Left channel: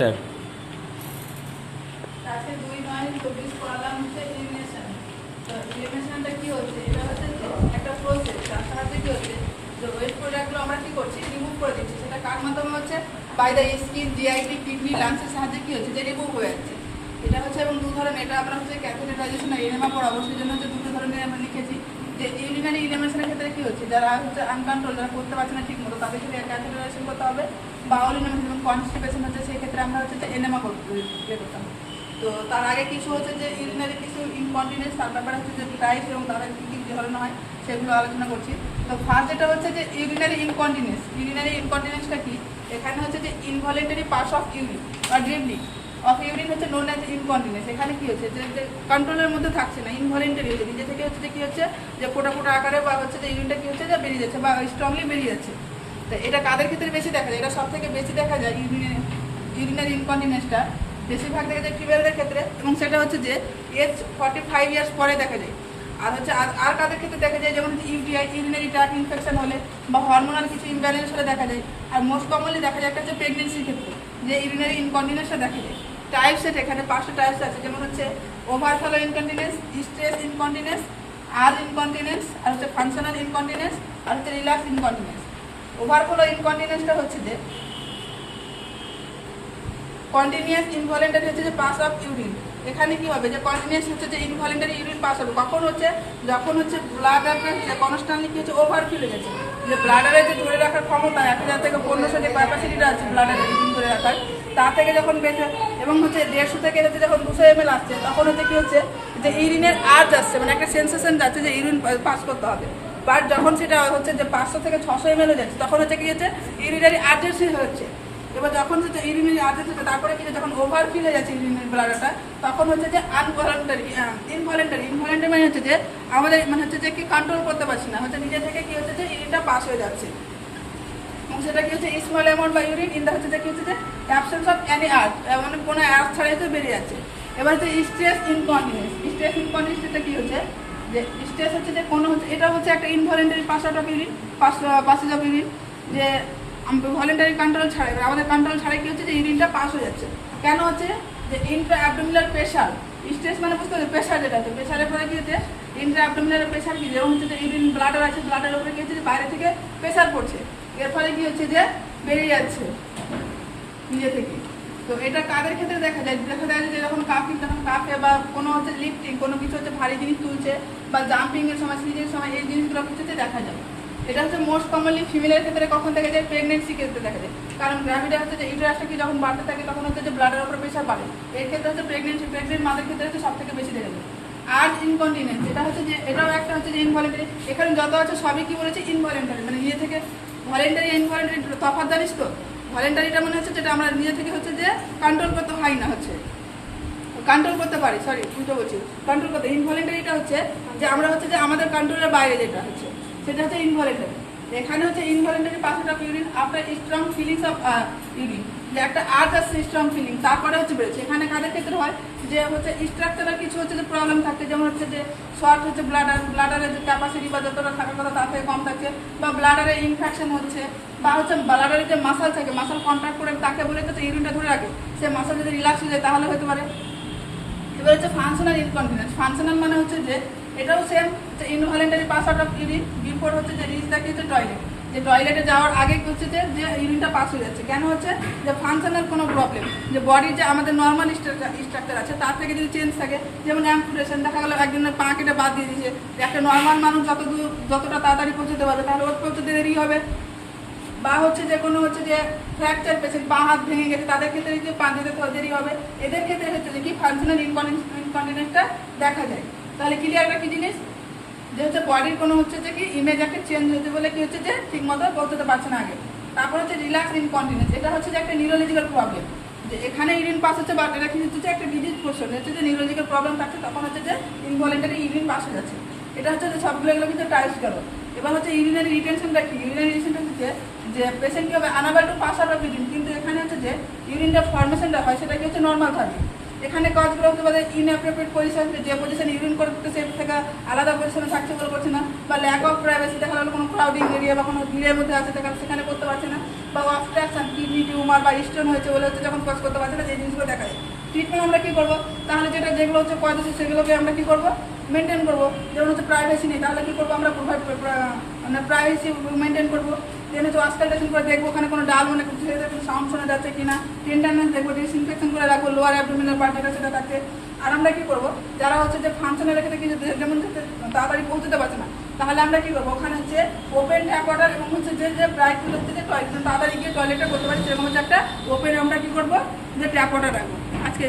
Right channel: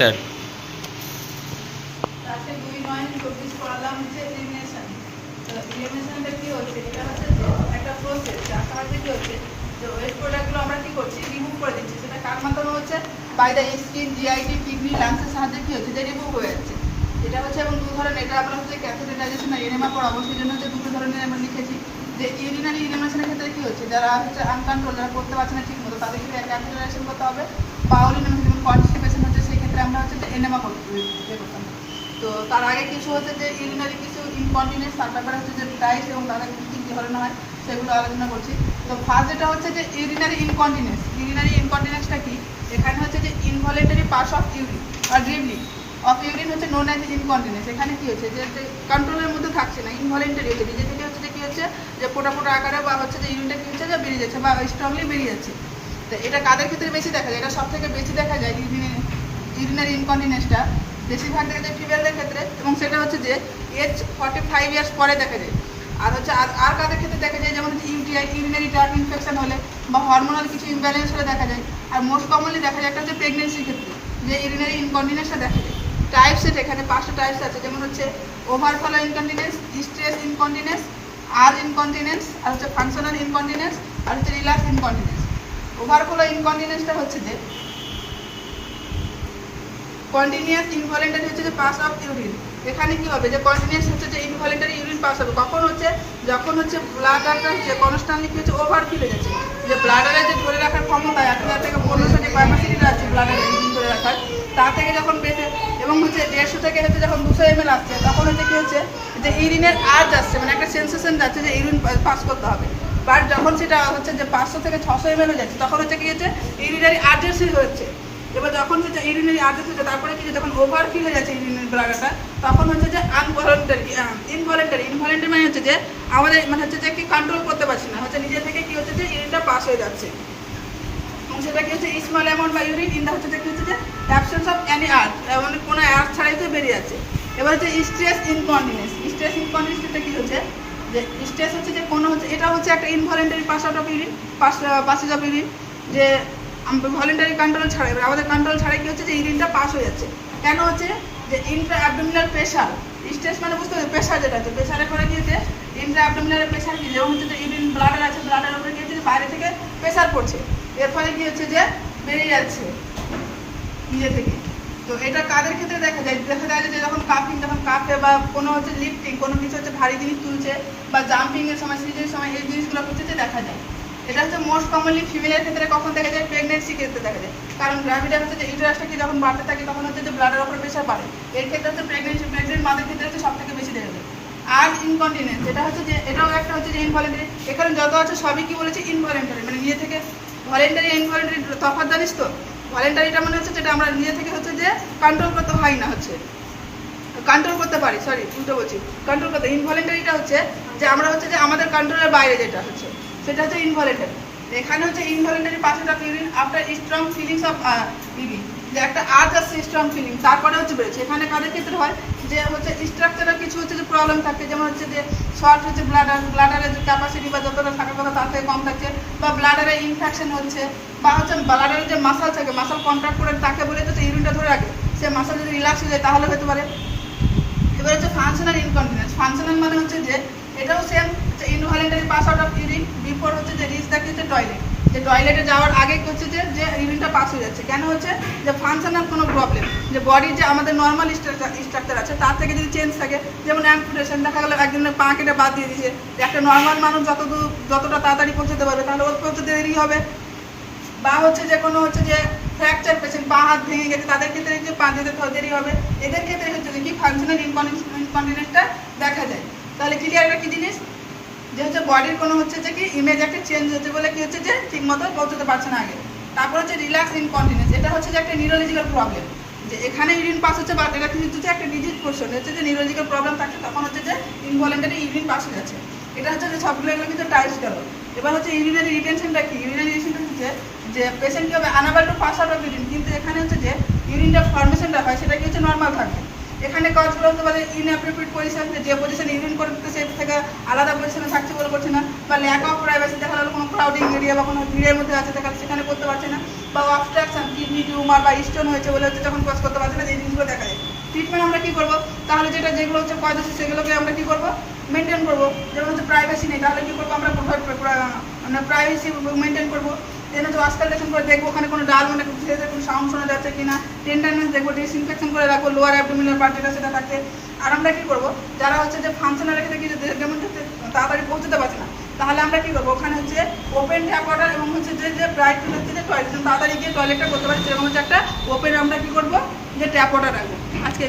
Sir আজকে 2/9/24 পড়ালাম হচ্ছে elimination. তো এলিমিনেশনটা কি হচ্ছে, এটা হচ্ছে যে একটা প্রসেস, যার সাহায্যে কি হচ্ছে যে ওয়েস্ট প্রোডাক্টগুলো আমরা কি করছি, রিমুভ করে দিচ্ছি। সেটা কার মাধ্যমে হচ্ছে, by the skin, GIT, kidney, লাংসের সাহায্যে কি হচ্ছে যে রিমুভ হয়ে যাচ্ছে। এটা হচ্ছে এবং দু ধরনের, এটা আমরা হচ্ছে ক্যাথেটারাইজেশন আর এনেমা পড়াবো, সেই জন্য হচ্ছে দুটো ধরনের আমরা লিখেছি। যে ইউরিনারি ইলিমিনেশনের ক্ষেত্রে কি হচ্ছে, যারা হচ্ছে আনকন্ট্রোল, যারা করতে পারছে না ঠিক মতো, তাদেরকে ক্যাথেটারাইজেশন করতে হবে। বাউল ইলিমিনেশন যেমন কনস্টিপেশন হচ্ছে, সেই ক্ষেত্রে আমরা হচ্ছে যে এনেমা করতাম। তো তার আগে কিছু হচ্ছে যে ইউরিনারি কিছু ইনকন্টিনেন্স, তার ব্যাপারে হচ্ছে যে টাইপস এবং তাদের কী কী ধরনের হয় সেগুলো আলোচনা করছি। তো ফার্স্ট যেটা হচ্ছে যে ইউরিনারি ইনকন্টিনেন্স। ইউরিনারি ইনকন্টিনেন্সটা কি, এখানে হচ্ছে যে ইনভলেন্টারি পাস অফ ইউরিন বা ড্রিবলিং অফ ইউরিন হচ্ছে নোন অ্যাজ ইনকন্টিনেন্স। এখানে কি হচ্ছে যে কন্ট্রোলের মধ্যে থাকছে না, ইনভলেন্টারি হচ্ছে, নিজে থেকে হচ্ছে যে কী হচ্ছে যে ফোটা ফোটা আকারে বা হচ্ছে যে ইউরিনটা কী হচ্ছে যে বেরিয়ে যাচ্ছে বা স্ট্রংলি বেরিয়ে যাচ্ছে। তো এটা কাদের ক্ষেত্রে বেশি দেখা যায়, এটা সব থেকে বেশি দেখা যায় ইউরিনারি ইনকন্টিনেন্সটা বেশিরভাগ দেখা যায় ফিমেলদের ক্ষেত্রে, এবং সেটা হচ্ছে যে এজ 45 ইয়ার্স পরে দেখা যায়। আর হচ্ছে আর কাদের ক্ষেত্রে দেখা যায়, যেমন ইউটিআই, ইউরিনারি ট্র্যাক্ট ইনফেকশন হলে বা হরমোনাল কিছু ইমব্যালেন্স হলে দেখা যায়। আর মোস্ট কমনলি দেখা যায় একটা হচ্ছে প্রেগনেন্সির ক্ষেত্রে যে ইউরিনারি ইনকন্টিনেন্সটা দেখা যায়। টাইপস সেট এখানে 5টা টাইপস আছে, যেমন হচ্ছে ওভারফ্লো ইনকন্টিনেন্স, স্ট্রেস ইনকন্টিনেন্স, আর ইনকন্টিনেন্স, আর হচ্ছে ফাংশনাল ইনকন্টিনেন্স, আর হচ্ছে রিল্যাক্স ইনকন্টিনেন্স। ওভারফ্লো ইনকন্টিনেন্সটা হচ্ছে যে কন্টিনিউয়াস ইনভলেন্টারি হচ্ছে যে পাস অফ ইউরিন। এখানে কি হবে যে কন্টিনিউয়াস হচ্ছে যে ইনভলেন্টারি ইউরিন পাস হবে, কখন হচ্ছে যখন হচ্ছে ব্লাডারটা হচ্ছে কনস্ট্যান্টলি কি হচ্ছে ওভারফিল হয়ে যাচ্ছে। যে ব্লাডারে যে ধরে রাখার ক্ষমতা 1000 থেকে 1500 যে ক্যাপাসিটিটা আছে ব্লাডারে রিডিং করে রাখার, তা থেকে যখন বেশি এবং হচ্ছে 150 থেকে হচ্ছে যখন 200 ml আসছে, তখন হচ্ছে কি হচ্ছে যে ইউরিনের আর্জ আসছে, মানে একটা সেন্সেশন যাচ্ছে যে ইউরিন পাস করতে হবে। বাট যখন সেটা হচ্ছে যে 500 থেকে 600 ml হয়ে যাচ্ছে, তখন হচ্ছে কি হচ্ছে ইউরিনারি আর্জেন্সি হচ্ছে। এবার যখন হচ্ছে ইউরিনারি আর্জেন্সি, তারপরে কি যখন ওভারফিল হয়ে যাচ্ছে ইউরিনারি ব্লাডারটা, তখন হচ্ছে যে ইনভলেন্টারি মানে হচ্ছে যে আমাদের মানে হচ্ছে যে কি কন্ট্রোল করতে পারছি না, হচ্ছে নিজে থেকে কি হচ্ছে যে ইউরিনটা পাস হয়ে যাচ্ছে, এবং সেটা কি হচ্ছে স্মল অ্যামাউন্ট বা ইউরিন ইন দা হচ্ছে যে কি হচ্ছে যে অ্যাবসেন্স অফ এনি আর্থ, মানে কোনো আর্থ ছাড়াই তো বেরিয়ে যাচ্ছে। এবার হচ্ছে স্ট্রেস ইনকন্টিনেন্স। স্ট্রেস ইনকন্টিনেন্সটা কি হচ্ছে যে স্ট্রেস হচ্ছে যে কোনো হচ্ছে, এটা হচ্ছে একটা involuntary pass out of urine, passage of urine, যে ভলেন্টারি কন্ট্রোল ছাড়া, এবার আমাদের কন্ট্রোল ছাড়াই কি হচ্ছে যে ইউরিনটা পাস হয়ে যাচ্ছে। কেন হচ্ছে যে ইন্ট্রা অ্যাবডোমিনাল প্রেশার, স্ট্রেস মানে বুঝতে হবে প্রেশার, যেটা হচ্ছে প্রেশারের পরে কি হচ্ছে ইন্ট্রা অ্যাবডোমিনাল প্রেশার, কি যেমন হচ্ছে যে ইউরিন ব্লাডার আছে, ব্লাডার উপরে কি হচ্ছে যে বাইরে থেকে প্রেশার পড়ছে, এর ফলে কি হচ্ছে যে বেরিয়ে যাচ্ছে নিজে থেকে। তো এটা কাদের ক্ষেত্রে দেখা যায়, যে যখন কাফিং, যখন কাফে বা কোনো হচ্ছে লিফটিং, কোনো কিছু হচ্ছে ভারী জিনিস তুলছে বা জাম্পিংয়ের সময়, সিজের সময়, এই জিনিসগুলো হচ্ছে দেখা যায়। এটা হচ্ছে মোস্ট কমনলি ফিমেলের ক্ষেত্রে কখন দেখা যায়, প্রেগনেন্সি ক্ষেত্রে দেখা যায়। কারণ গ্র্যাভিডা হচ্ছে যে ইউটেরাসটা কি যখন বাড়তে থাকে, তখন হচ্ছে যে ব্লাডের উপরে প্রেশার বাড়ে। এই ক্ষেত্রে হচ্ছে প্রেগনেন্ট মাদের ক্ষেত্রে হচ্ছে সব থেকে বেশি দেখা যায়। আর ইনকন্টিনেন্স, এটা হচ্ছে যে এটাও একটা হচ্ছে যে ইনভলেন্টারি। এখানে যত আছে সবই কি বলেছে ইনভলেন্টারি, মানে নিজে থেকে। ভলেন্টারি ইনভলেন্টারি তফাৎ জানিস তো? ভলেন্টারিটা মানে হচ্ছে যেটা আমরা নিজে থেকে হচ্ছে যে কন্ট্রোল করতে হয় না, হচ্ছে কন্ট্রোল করতে পারি, সরি দুটো বলছি, কন্ট্রোল করতে। ইনভলেন্টারিটা হচ্ছে যে আমরা হচ্ছে যে আমাদের কন্ট্রোলের বাইরে যেটা হচ্ছে, সেটা হচ্ছে ইনভলেন্টারি। এখানে হচ্ছে involuntary passage of urine after strong feelings of urine, যে একটা আর্জ আসছে স্ট্রং ফিলিং, তারপরে হচ্ছে বেরোচ্ছে। এখানে কাদের ক্ষেত্রে হয় যে হচ্ছে স্ট্রাকচারাল কিছু হচ্ছে যে প্রবলেম থাকে, যেমন হচ্ছে যে শর্ট হচ্ছে ব্লাডারের যে ক্যাপাসিটি বা যতটা থাকার কথা তার থেকে কম থাকছে, বা ব্লাডারে ইনফেকশন হচ্ছে, বা হচ্ছে ব্লাডারের যে মাসাল থাকে, মাসাল কন্ট্রাক্ট করে তাকে বলে তো ইউরিনটা ধরে রাখে, সে মাসাল যদি রিল্যাক্স হয়ে যায় তাহলে হতে পারে। এবার হচ্ছে ফাংশনাল ইনকন্টিনেন্স। ফাংশনাল মানে হচ্ছে যে এটাও সেম, যে involuntary pass out of urine before হচ্ছে যে রিচ দ্য হচ্ছে টয়লেট, যে টয়লেটে যাওয়ার আগে হচ্ছে যে ইউরিনটা পাস হয়ে যাচ্ছে। কেন হচ্ছে যে ফাংশনাল কোনো প্রবলেম, যে বডির যে আমাদের নর্মাল স্ট্রাকচার আছে তার থেকে যদি চেঞ্জ থাকে, যেমন অ্যাম্পুটেশন, দেখা গেলো একজনের পা কেটে বাদ দিয়ে দিয়েছে, একটা নর্মাল মানুষ যতটা তাড়াতাড়ি পৌঁছতে পারবে, তাহলে ওর পৌঁছতে দেরি হবে। বা হচ্ছে যে কোনো হচ্ছে যে ফ্র্যাকচার পেশেন্ট, পা হাত ভেঙে গেছে, তাদের ক্ষেত্রে যে পা যেতে দেরি হবে। এদের ক্ষেত্রে হচ্ছে যে কি ফাংশনাল ইনকন্টিনেন্সটা দেখা যায়। তাহলে ক্লিয়ার একটা কি জিনিস, যে হচ্ছে বডির কোনো হচ্ছে যে কি ইমেজ একটা চেঞ্জ হচ্ছে বলে কি হচ্ছে যে ঠিক মতো পৌঁছতে পারছে না আগে। তারপর হচ্ছে রিল্যাক্স ইনকন্টিনেন্স, এটা হচ্ছে যে একটা নিউরোলজিক্যাল প্রবলেম, যে এখানে ইউরিন পাস হচ্ছে, বা এটা কিন্তু হচ্ছে একটা ডিজিজ পোর্শন, হচ্ছে যে নিউরোলজিক্যাল প্রবলেম থাকছে, তখন হচ্ছে যে ইনভলেন্টারি ইউরিন পাস হয়ে যাচ্ছে। এটা হচ্ছে যে সবগুলো কিন্তু টাইপস গেল। এবার হচ্ছে ইউরিনারি রিটেনশনটা কি, ইউরিনারি রিটেনশনটা হচ্ছে যে পেশেন্ট কি হবে unable two pass out of urine, কিন্তু এখানে হচ্ছে যে ইউরিনটা ফর্মেশনটা হয় সেটা কি হচ্ছে নর্মাল থাকে, এখানে কাজগুলো হতে পারে ইনঅ্যাপ্রোপ্রিয়েট পজিশন, যে পজিশনে ইউরিন করতে সে থেকে আলাদা পজিশনে থাকছে বলে করছে না, বা ল্যাক অফ প্রাইভেসি, দেখা গেলো কোনো ক্রাউডিং এরিয়া বা কোনো ভিড়ের মধ্যে আছে দেখা সেখানে করতে পারছে না, বা অবস্ট্রাকশন কিডনি টিউমার বা স্টোন হয়েছে বলে হচ্ছে যখন কাজ করতে পারছে না, এই জিনিসগুলো দেখা যায়। ট্রিটমেন্ট আমরা কী করবো? তাহলে যেগুলো হচ্ছে কজ আছে সেগুলোকে আমরা কী করবো? মেনটেন করবো। যেমন হচ্ছে প্রাইভেসি নেই, তাহলে কী করবো? আমরা আমরা প্রাইভেসি মেনটেন করবো। দেন হচ্ছে অস্কালটেশন করে দেখবো ওখানে কোনো ডাল মানে সাউন্ড শোনা যাচ্ছে কিনা, টেন্ডারনেস দেখবো, ডিসইনফেকশন করে রাখবো লোয়ার অ্যাবডোমিনাল পার্ট যেটা সেটা থাকছে। আর আমরা কী করবো? যারা হচ্ছে যে ফাংশনাল রেখে দেখি যেমন তাড়াতাড়ি পৌঁছতে পারছে না, তাহলে আমরা কী করবো? ওখানে হচ্ছে ওপেন ট্যাপ ওয়াটার এবং হচ্ছে যে ব্রাইট হচ্ছে যে টয়লেট তাড়াতাড়ি গিয়ে টয়লেটটা করতে পারছি সেরকম হচ্ছে একটা ওপেন আমরা কী করবো? যে ট্যাপ ওয়াটার রাখবো। আজকে